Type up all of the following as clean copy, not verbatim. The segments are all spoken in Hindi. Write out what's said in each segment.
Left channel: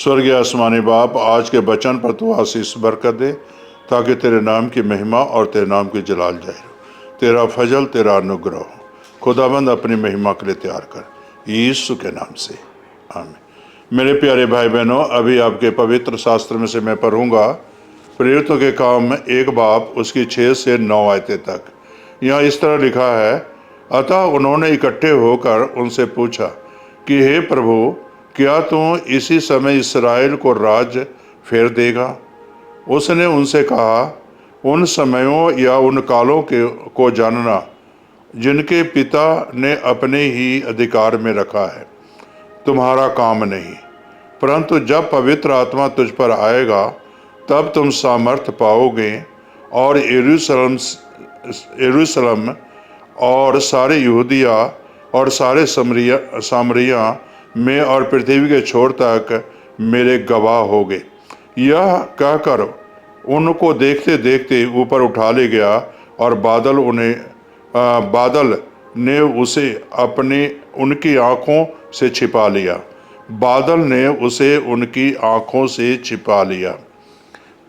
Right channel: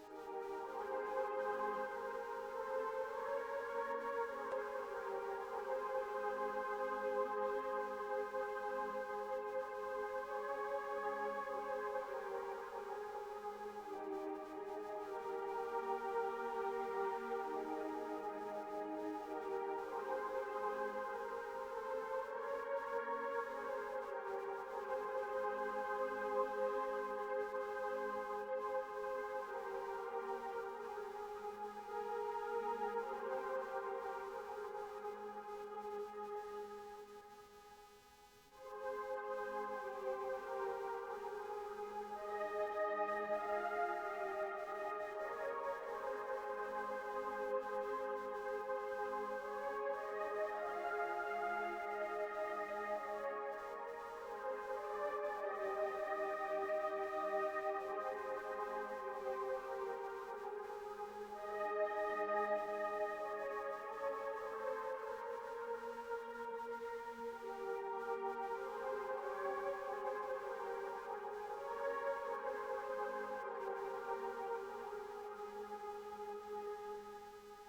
स्वर्गीय आसमानी बाप, आज के वचन पर तू आशीष बरकत दे ताकि तेरे नाम की महिमा और तेरे नाम की जलाल जाहिर हो, तेरा फजल, तेरा अनुग्रह हो। खुदाबंद अपनी महिमा के लिए तैयार कर, यीशु के नाम से, आमीन। मेरे प्यारे भाई बहनों, अभी आपके पवित्र शास्त्र में से मैं पढ़ूंगा प्रेरितों के काम 1 बाब उसकी 6 से 9 आयतें तक। यहाँ इस तरह लिखा है, अतः उन्होंने इकट्ठे होकर उनसे पूछा कि हे प्रभु, क्या तू इसी समय इस्राएल को राज फेर देगा? उसने उनसे कहा, उन समयों या उन कालों को जानना जिनके पिता ने अपने ही अधिकार में रखा है तुम्हारा काम नहीं, परंतु जब पवित्र आत्मा तुझ पर आएगा तब तुम सामर्थ पाओगे और यरूशलेम और सारे यहूदिया और सारे सामरिया में और पृथ्वी के छोर तक मेरे गवाह होगे। यह कहकर उनको देखते देखते ऊपर उठा ले गया और बादल ने उसे उनकी आंखों से छिपा लिया। बादल ने उसे उनकी आंखों से छिपा लिया।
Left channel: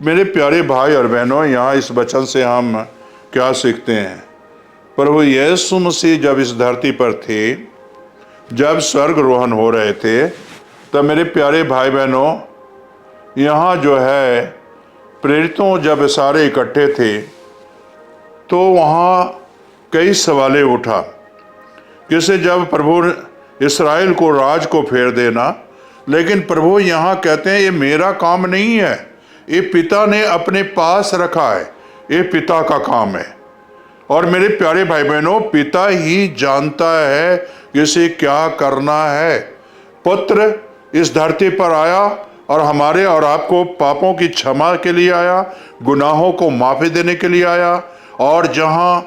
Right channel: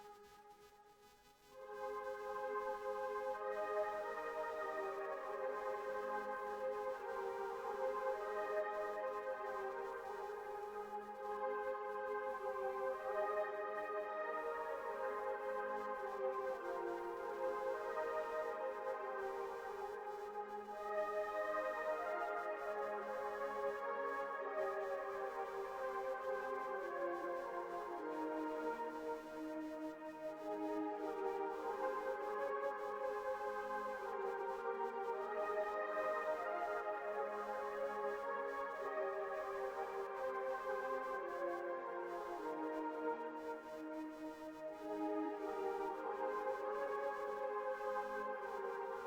मेरे प्यारे भाई और बहनों, यहाँ इस वचन से हम क्या सीखते हैं? प्रभु यीशु मसीह जब इस धरती पर थे, जब स्वर्ग रोहण हो रहे थे, तब मेरे प्यारे भाई बहनों, यहाँ जो है प्रेरितों जब सारे इकट्ठे थे तो वहाँ कई सवालें उठा। जैसे जब प्रभु इस्राएल को राज को फेर देना, लेकिन प्रभु यहाँ कहते हैं ये मेरा काम नहीं है, ये पिता ने अपने पास रखा है, ये पिता का काम है। और मेरे प्यारे भाई बहनों, पिता ही जानता है किसे क्या करना है। पुत्र इस धरती पर आया और हमारे और आपको पापों की क्षमा के लिए आया, गुनाहों को माफी देने के लिए आया, और जहाँ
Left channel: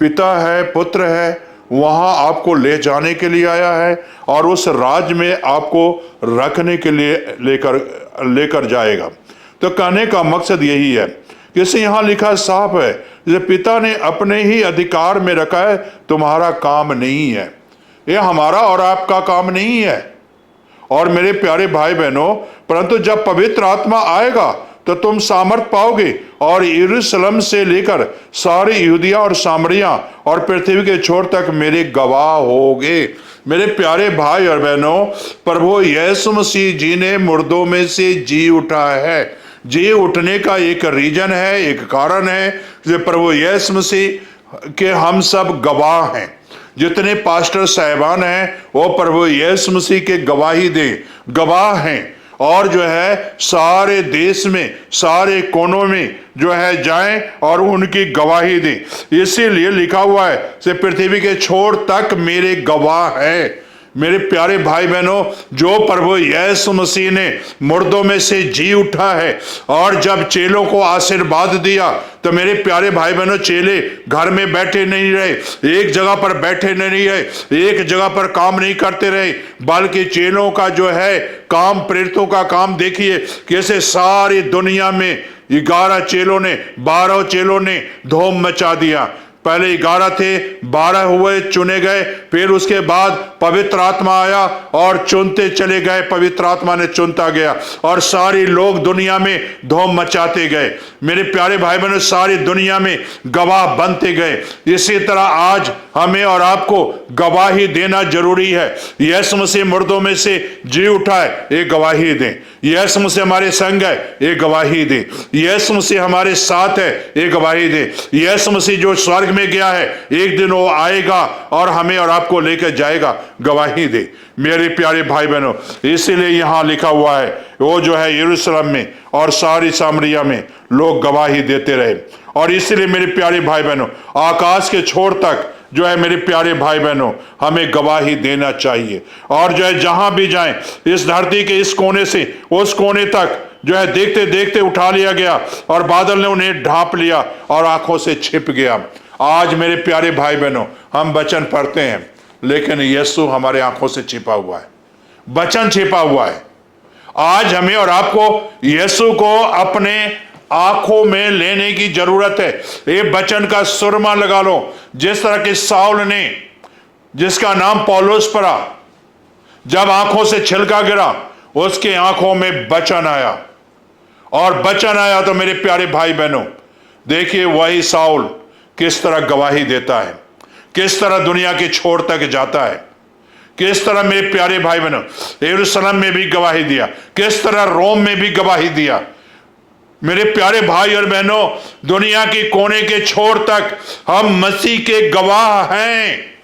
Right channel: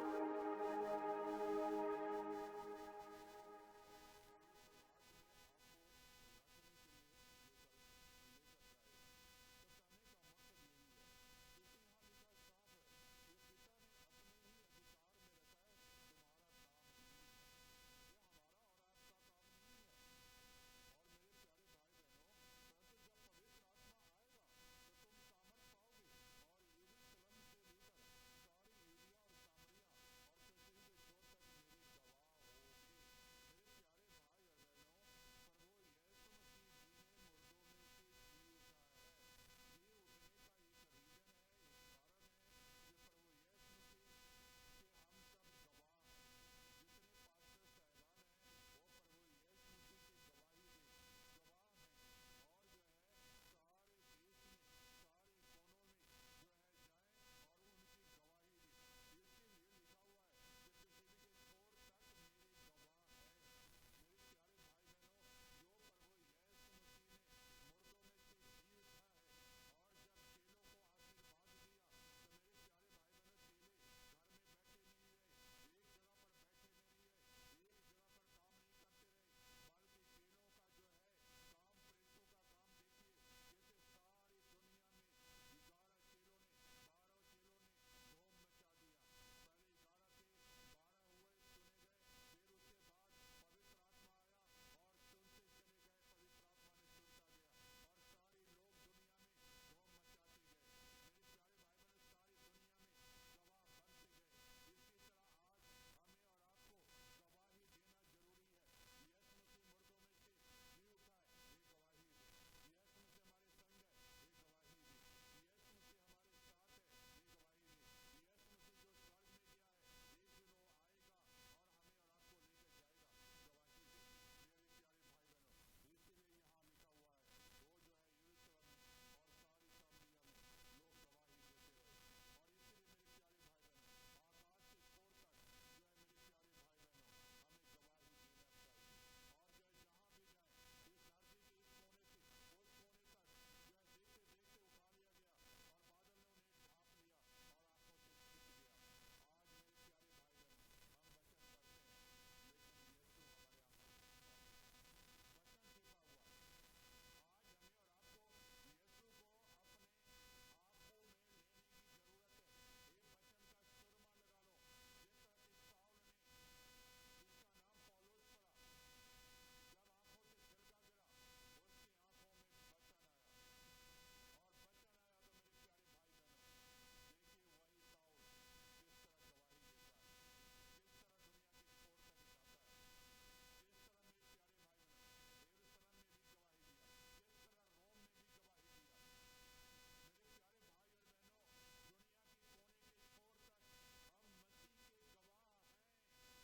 पिता है, पुत्र है, वहाँ आपको ले जाने के लिए आया है और उस राज में आपको रखने के लिए लेकर जाएगा। तो कहने का मकसद यही है, जैसे यहाँ लिखा साफ है, जैसे पिता ने अपने ही अधिकार में रखा है, तुम्हारा काम नहीं है, ये हमारा और आपका काम नहीं है। और मेरे प्यारे भाई बहनों, परंतु जब पवित्र आत्मा आएगा तो तुम सामर्थ पाओगे और यरूशलेम से लेकर सारे यहूदिया और सामरिया और पृथ्वी के छोर तक मेरे गवाह होगे। मेरे प्यारे भाई और बहनों, प्रभु यीशु मसीह जी ने मुर्दों में से जी उठा है। जी उठने का एक रीजन है, एक कारण है, जो प्रभु यीशु मसीह के हम सब गवाह हैं। जितने पास्टर साहिबान हैं वो प्रभु यीशु मसीह के गवाही दें, गवाह हैं, और जो है सारे देश में, सारे कोनों में जो है जाएं और उनकी गवाही दें। इसीलिए लिखा हुआ है कि पृथ्वी के छोर तक मेरे गवाह हैं। मेरे प्यारे भाई बहनों, जो प्रभु यीशु मसीह ने मुर्दों में से जी उठा है और जब चेलों को आशीर्वाद दिया, तो मेरे प्यारे भाई बहनों, चेले घर में बैठे नहीं रहे, एक जगह पर बैठे नहीं रहे, एक जगह पर काम नहीं करते रहे, बल्कि चेलों का जो है काम, प्रेरितों का काम देखिए कैसे सारी दुनिया में 11 चेलों ने, 12 चेलों ने धूम मचा दिया। पहले 11 थे, 12 हुए, चुने गए, फिर उसके बाद पवित्र आत्मा आया और चुनते चले गए, पवित्र आत्मा ने चुनता गया और सारी लोग दुनिया में धूम मचाते गए। मेरे प्यारे भाई बहनों, सारी दुनिया में गवाह बनते गए। इसी तरह आज हमें और आपको गवाही देना जरूरी है। यीशु मसीह मुर्दों में से जी उठा है, ये गवाही दें। यीशु मसीह हमारे संग है, ये गवाही दें। यीशु मसीह हमारे साथ है, ये गवाही दें। यीशु मसीह जो स्वर्ग में गया है, एक दिन वो आएगा और हमें और आपको लेकर जाएगा, गवाही दे। मेरे प्यारे भाई बहनों, इसीलिए यहाँ लिखा हुआ है, वो जो है यरूशलेम में और सारी सामरिया में लोग गवाही देते रहे। और इसीलिए मेरे प्यारे भाई बहनों, आकाश के छोर तक जो है मेरे प्यारे भाई बहनों, हमें गवाही देना चाहिए। और जो है जहां भी जाएं, इस धरती के इस कोने से उस कोने तक जो है देखते देखते उठा लिया गया और बादल ने उन्हें ढांप लिया और आंखों से छिप गया। आज मेरे प्यारे भाई बहनों, हम वचन पढ़ते हैं, लेकिन यीशु हमारे आंखों से छिपा हुआ है, वचन छिपा हुआ है। आज हमें और आपको यीशु को अपने आंखों में लेने की जरूरत है। ये वचन का सुरमा लगा लो। जिस तरह के साउल ने, जिसका नाम पौलुस पड़ा, जब आंखों से छिलका गिरा, उसके आंखों में वचन आया, और वचन आया तो मेरे प्यारे भाई बहनों, देखिए वही साउल किस तरह गवाही देता है, किस तरह दुनिया के छोर तक जाता है, किस तरह मेरे प्यारे भाई बहनों यरूशलेम में भी गवाही दिया, किस तरह रोम में भी गवाही दिया। मेरे प्यारे भाई और बहनों, दुनिया के कोने के छोर तक हम मसीह के गवाह हैं।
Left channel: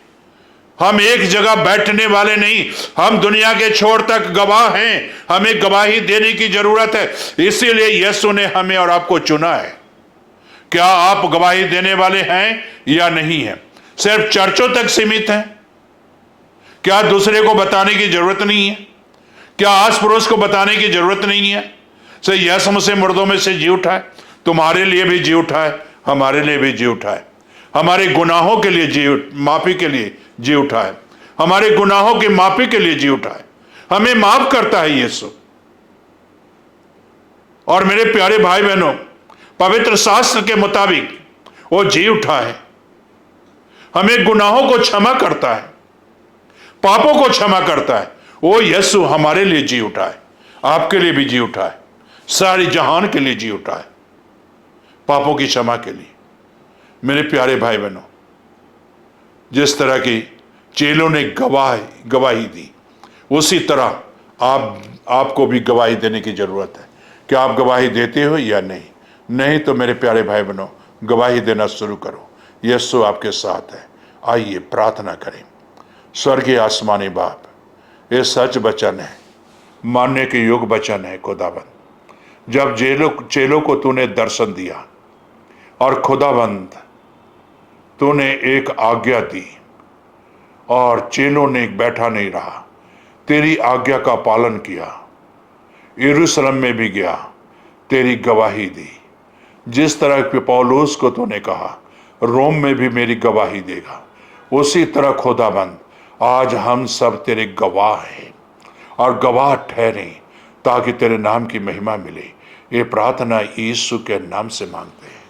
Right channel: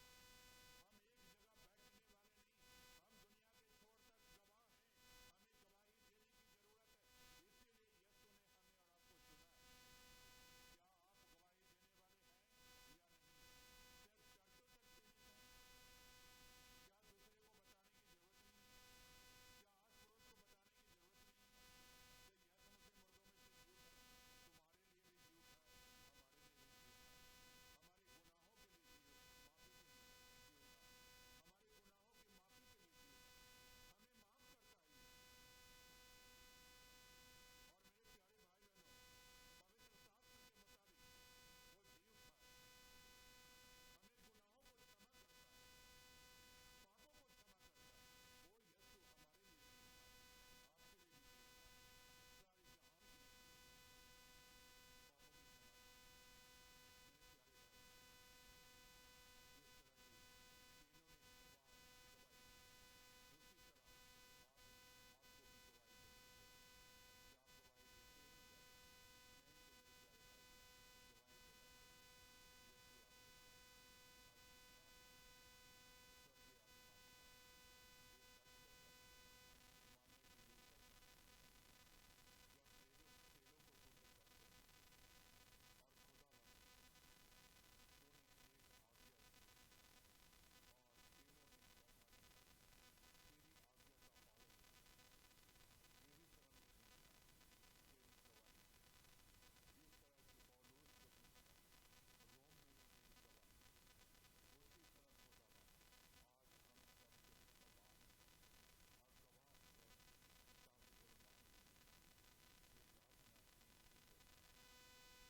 हम एक जगह बैठने वाले नहीं, हम दुनिया के छोर तक गवाह हैं। हमें गवाही देने की जरूरत है, इसीलिए यीशु ने हमें और आपको चुना है। क्या आप गवाही देने वाले हैं या नहीं हैं? सिर्फ चर्चों तक सीमित हैं? क्या दूसरे को बताने की जरूरत नहीं है? क्या आस पड़ोस को बताने की जरूरत नहीं है? से यीशु मसीह मुर्दों में से जी उठा है, तुम्हारे लिए भी जी उठा है, हमारे लिए भी जी उठा है, हमारे गुनाहों के लिए माफी के लिए जी उठा है, हमारे गुनाहों की माफी के लिए जी उठा है, हमें माफ करता है यीशु। और मेरे प्यारे भाई बहनों, पवित्र शास्त्र के मुताबिक वो जी उठा है, हमें गुनाहों को क्षमा करता है, पापों को क्षमा करता है। वो यीशु हमारे लिए जी उठा है, आपके लिए भी जी उठा है, सारी जहान के लिए जी उठा है, पापों की क्षमा के लिए। मेरे प्यारे भाई बहनों, जिस तरह की चेलों ने गवाही दी, उसी तरह आपको भी गवाही देने की जरूरत है। क्या आप गवाही देते हो या नहीं? नहीं तो मेरे प्यारे भाई बहनों, गवाही देना शुरू करो। यीशु आपके साथ है। आइए प्रार्थना करें। स्वर्गीय आसमानी बाप, ये सच वचन है, मानने के योग्य वचन है खुदाबंद। जब चेलों को तूने दर्शन दिया और खुदाबंद तूने एक आज्ञा दी और चेलों ने बैठा नहीं रहा, तेरी आज्ञा का पालन किया, यरूशलेम में भी गया, तेरी गवाही दी। जिस तरह के पौलुस को तूने कहा रोम में भी मेरी गवाही देगा, उसी तरह खुदाबंद आज हम सब तेरे गवाह हैं और गवाह ठहरे, ताकि तेरे नाम की महिमा मिले। ये प्रार्थना यीशु के नाम से मांगते हैं।